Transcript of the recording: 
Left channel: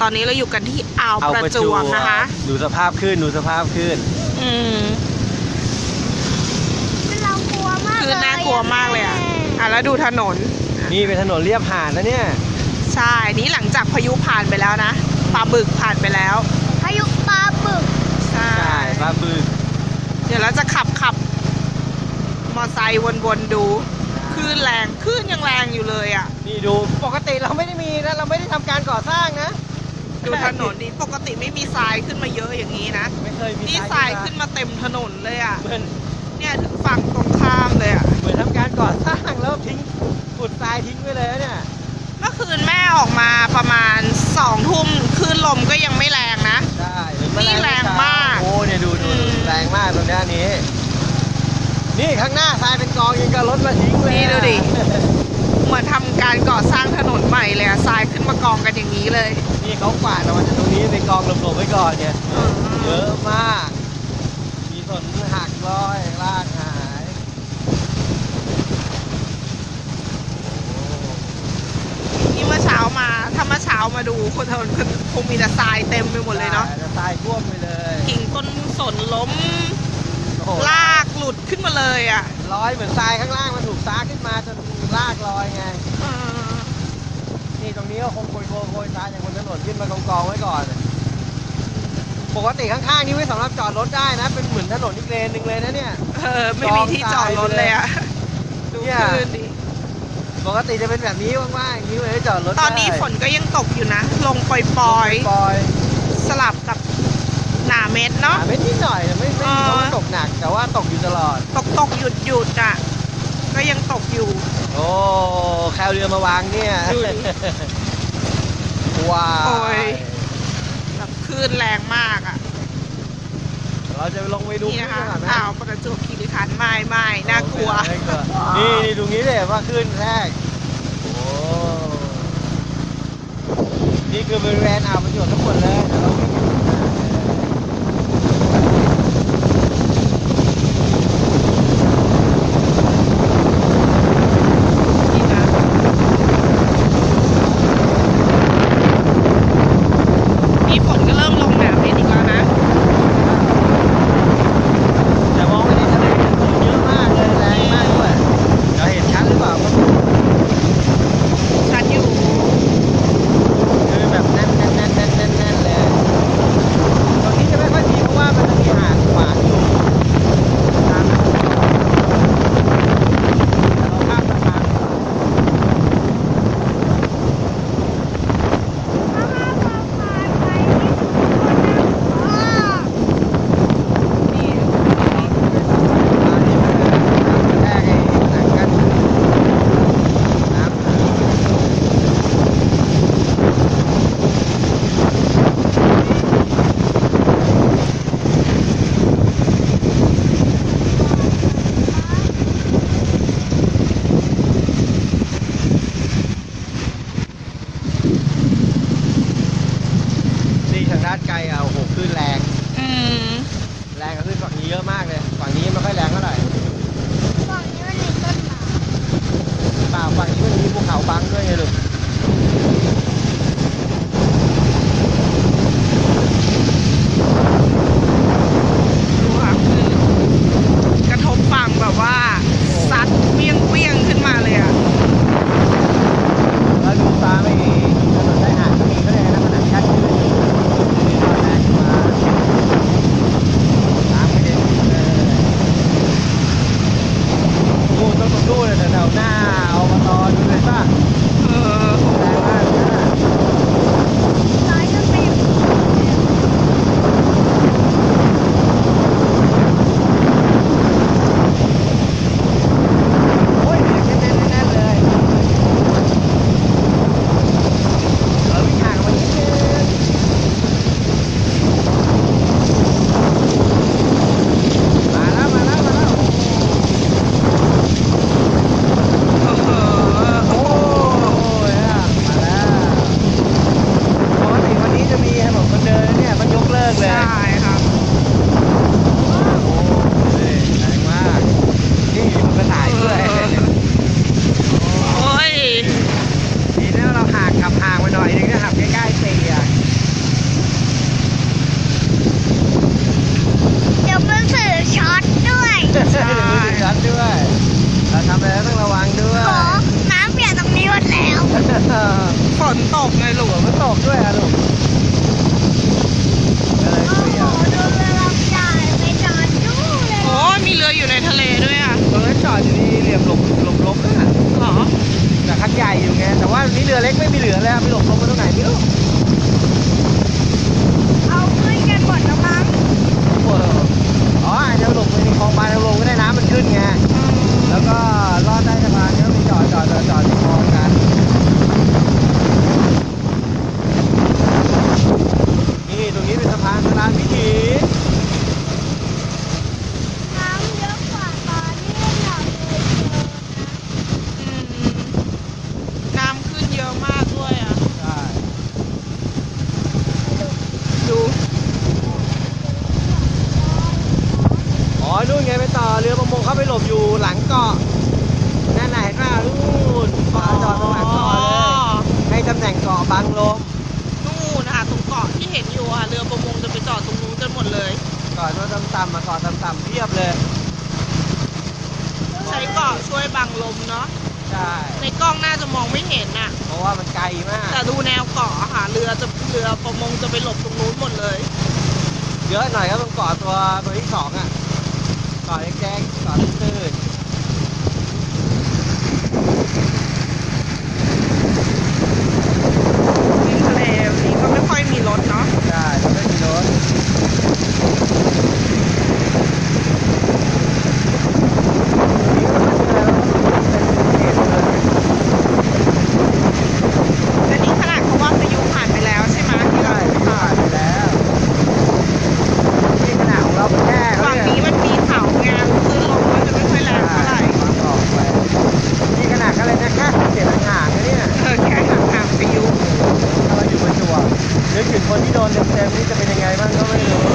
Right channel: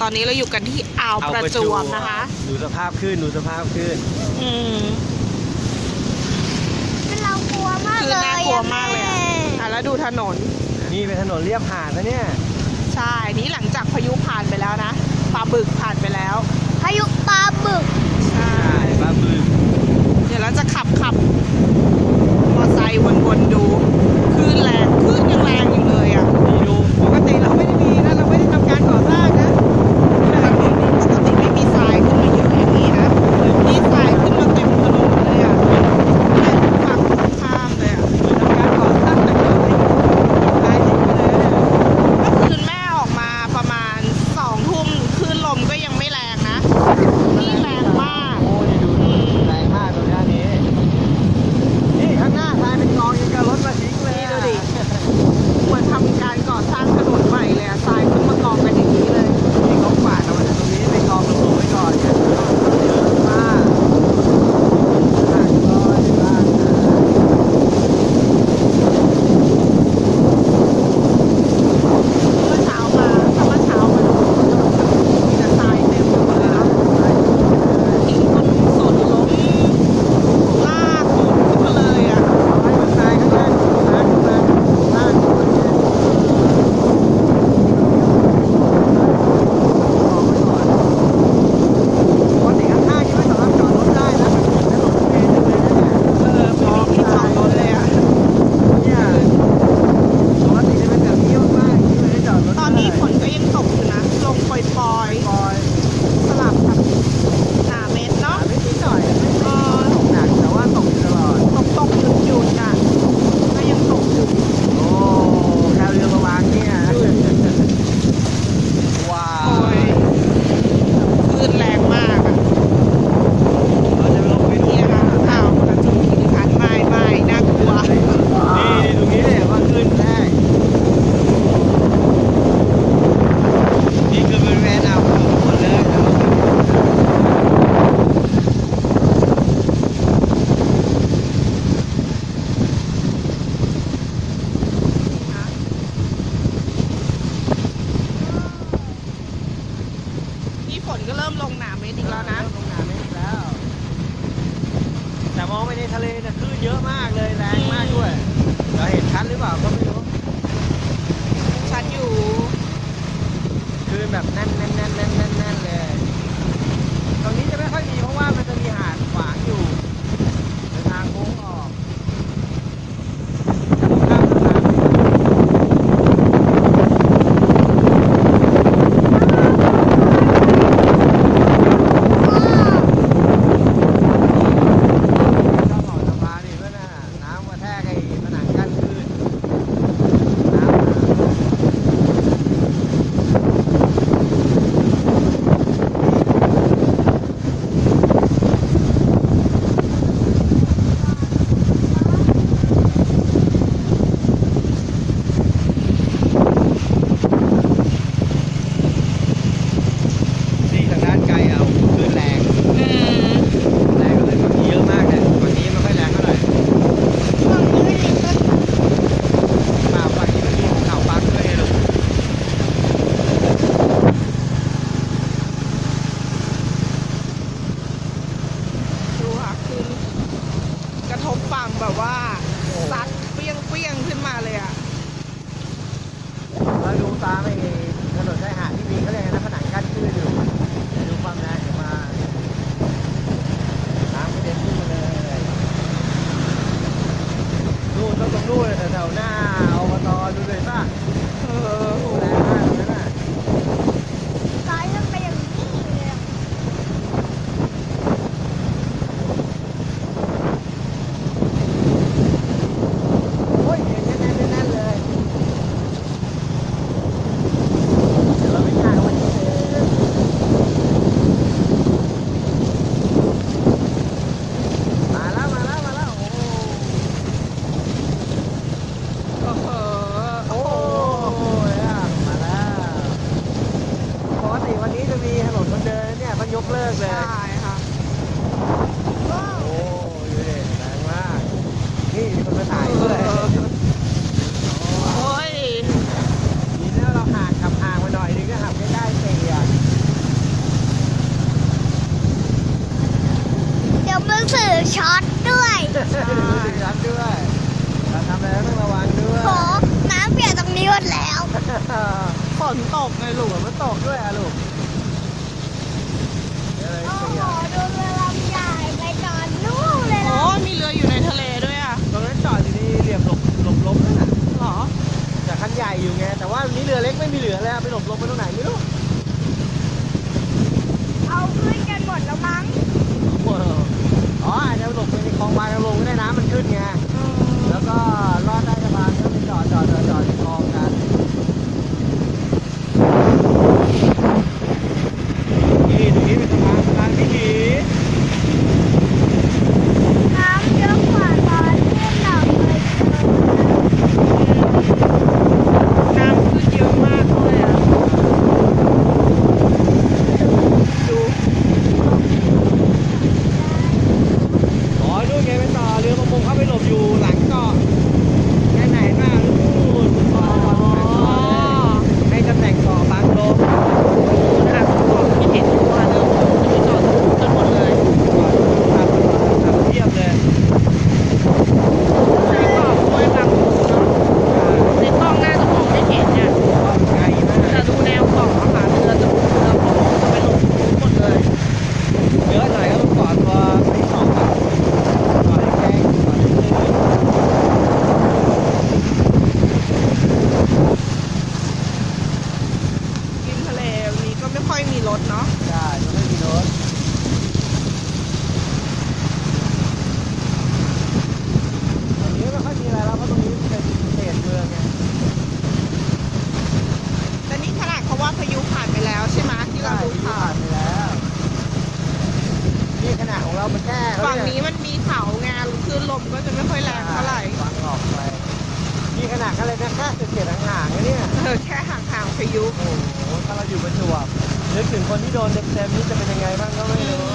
ตอนนี้เราอยู่กันที่อ่าวประจวบนะคะ ดูสภาพขึ้นดูสภาพขึ้น คือน่ากลัวมากเลยอ่ะแล้วดูถนน นี่เป็นถนนเลียบหาดนะเนี่ย ใช่นี่หลังจากพายุผ่านไปแล้วนะปลาบึกผ่านไปแล้ว พายุปลาบึก ใช่ ปลาบึก เดี๋ยวเราจะขับมอไซค์วนๆดูคลื่นแรงคลื่นยังแรงอยู่เลยอ่ะ นี่ดูปกติเราไม่ได้มีนะเราไม่ได้ทำการก่อสร้างนะ ดูถนนนี่ปกติไม่มีทรายขึ้นมาเยอะอย่างนี้นะนี่ทรายขึ้นมาเต็มถนนเลยอ่ะเนี่ยถึงฝั่งตรงข้ามเลยอ่ะ เหมือนทำการก่อสร้างแต่ก็ทิ้งตายทิ้งไปเลยเนี่ย เมื่อคืนแม่ออกมาประมาณ2 ทุ่มคลื่นลมก็ยังไม่แรงนะ นี่แรงมาก โอ้เนี่ยดูแรงมากตรงด้านนี้นี่ข้างหน้าทรายเป็นกองยังกับรถมาทิ้งเลย นี่ดูดิ เหมือนทำการก่อสร้างถนนใหม่เลยอะทรายขึ้นมากองกันอย่างนี้เลย นี่เขาฝากเอามาตรงนี้ไปกองหลบๆไว้ก่อนเนี่ยเยอะมากมีต้นหักลอยลากมา นี่เมื่อเช้ามาถ้าเมื่อเช้ามาดูคนถนนคงมีแต่ทรายเต็มไปหมดเลยเนาะ ทรายท่วมไปเลย กิ่งต้นสนล้มลากหลุดขึ้นมาเลยอะ ลอยบนทรายข้างล่างลากขึ้นมาลากลอยไงนี่ตรงนี้เอาไปลงไว้กองไว้ก่อนปกติข้างๆนี่ไม่สามารถจอดรถได้นะเป็นเหมือนถนนเลนหนึงเลยนะเนี่ย ไม่มีที่จอดรถเลยอะ เนี่ยปกติจะเป็นแบบนี้มากๆที่ไม่ได้จอดรถ ตอนนี้ฝนก็ยังตกอยู่นะ ลงปล่อย ปล่อย ๆ สลับกับหนาเม็ดเนาะ ไม่นิดหน่อยไม่ตกหนักแต่ว่าตกอยู่ตลอด ตกหยุดอะก็ยังตกอยู่ โอ้แคลเรือมาวางเนี่ย ดูดิ ว้าว โอ้ยแบบคลื่นแรงมากอะ เราจะลงไปดู นี่นะคะอ้าวประจวบคีรีขันธ์ไม่น่ากลัว นี่ตรงนี้เลยว่าขึ้นแรกโอ้นี่คือบริเวณอ่าวประจวบทั้งหมดเลยเดี๋ยวเรานี่นะนี่ฝนก็เริ่มลงหนาเม็ดอีกแล้วนะ จะมองไปในทะเลเยอะมากเลยแรงมากด้วยเราเห็นชัดหรือเปล่าก็ไม่รู้ ชัดอยู่ คือแบบแน่น มันตกด้วยอ่ะลูกก็เลย โอ้ เปลี่ โห ยน ดูเรือลำใหญ่ไปจอดนู่นเลย โอ้ นะ มีเรืออยู่ในทะเลด้วยอ่ะ ตรงนั้นจอดอยู่นี่เหลี่ยมหลบลมนั่นน่ะ เหรอ แต่คันใหญ่อยู่ไงแต่ว่านี่เรือเล็กไม่มีเหลือแล้วมีหลบลมมาตรงไหนไม่รู้ เอาขึ้นกันหมดแล้วมั้ง โอ้โหอ๋ออาจจะหลบในคลองบางลงก็ได้น้ำมันขึ้นไง แล้วก็ลอดใต้สะพานก็ไปจอดที่คลองกันนี่ตรงนี้เป็นสะพานวิถี น้ำเยอะกว่าตอนที่เราเคยเจอ น้ำขึ้นเยอะมากด้วยอ่ะ ดู อ๋อนู่นไงไปต่อเรือประมงเข้าไปหลบอยู่หลังเกาะนั่นไหนมานู่นปอจอดตรงหลังเกาะเลยให้ตำแหน่งเกาะบางลง นู่นค่ะเกาะที่เห็นอยู่อ่ะเรือประมงจะไปจอดตรงนู้นกันหมดเลย เกาะรถตามเกาะตามเทียบเลย ใช้เกาะช่วยบังลมเนาะ ใช่ ในกล้องน่าจะมองไม่เห็นน่ะ เพราะว่ามันไกลมาก แต่ดูแนวเกาะอะค่ะเรือประมงจะไปหลบตรงนู้นหมดเลย เยอะหน่อยแล้วมันเกาะตัวที่สองอ่ะเกาะแดงเกาะตื้น ริมทะเลวันนี้ก็ไม่ค่อยมีรถเนาะ ใช่ไม่มีรถ แต่นี่ขนาดเขาว่าพายุผ่านไปแล้วใช่ไหมที่เราดูข่าว แล้วนี่ขนาดของเราแค่ ฝั่งนี้มันมีเขาไงคลื่นลมก็จะไม่ค่อยแรงเท่าไหร่ ออกไปนี่ขนาดก็เลยแค่เจ็ดห่างๆเลยเนี่ย แค่ห่างๆพายุ ถ้าเราอยู่บนชัวนึกถึงคนที่โดนเต็มๆนี่จะเป็นยังไงบ้างก็ไม่รู้